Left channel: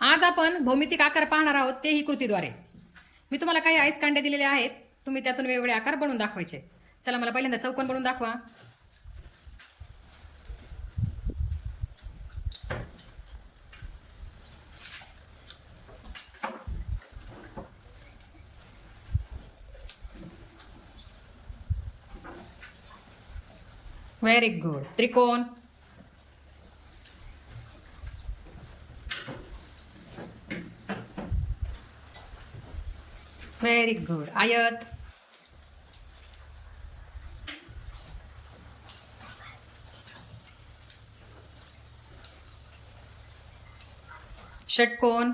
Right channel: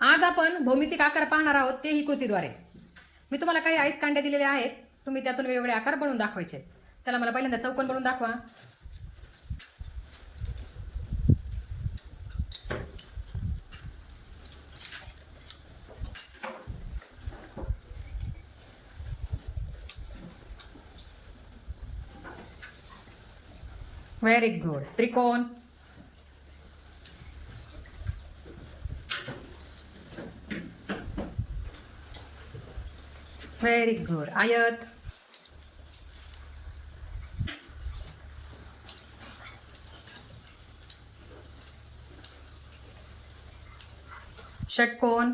आज आपण भौमितिक आकार पाहणार आहोत, तेही कृतीद्वारे. मी तुम्हाला काही आईस कांड्या दिलेल्या आहेत, तुम्ही त्यातून वेगवेगळे आकार बनवून दाखवायचे. चला, मला पहिल्यांदा चौकोन बनवून दाखवा. Very good. त्रिकोण. Very good. आयत. षटकोन.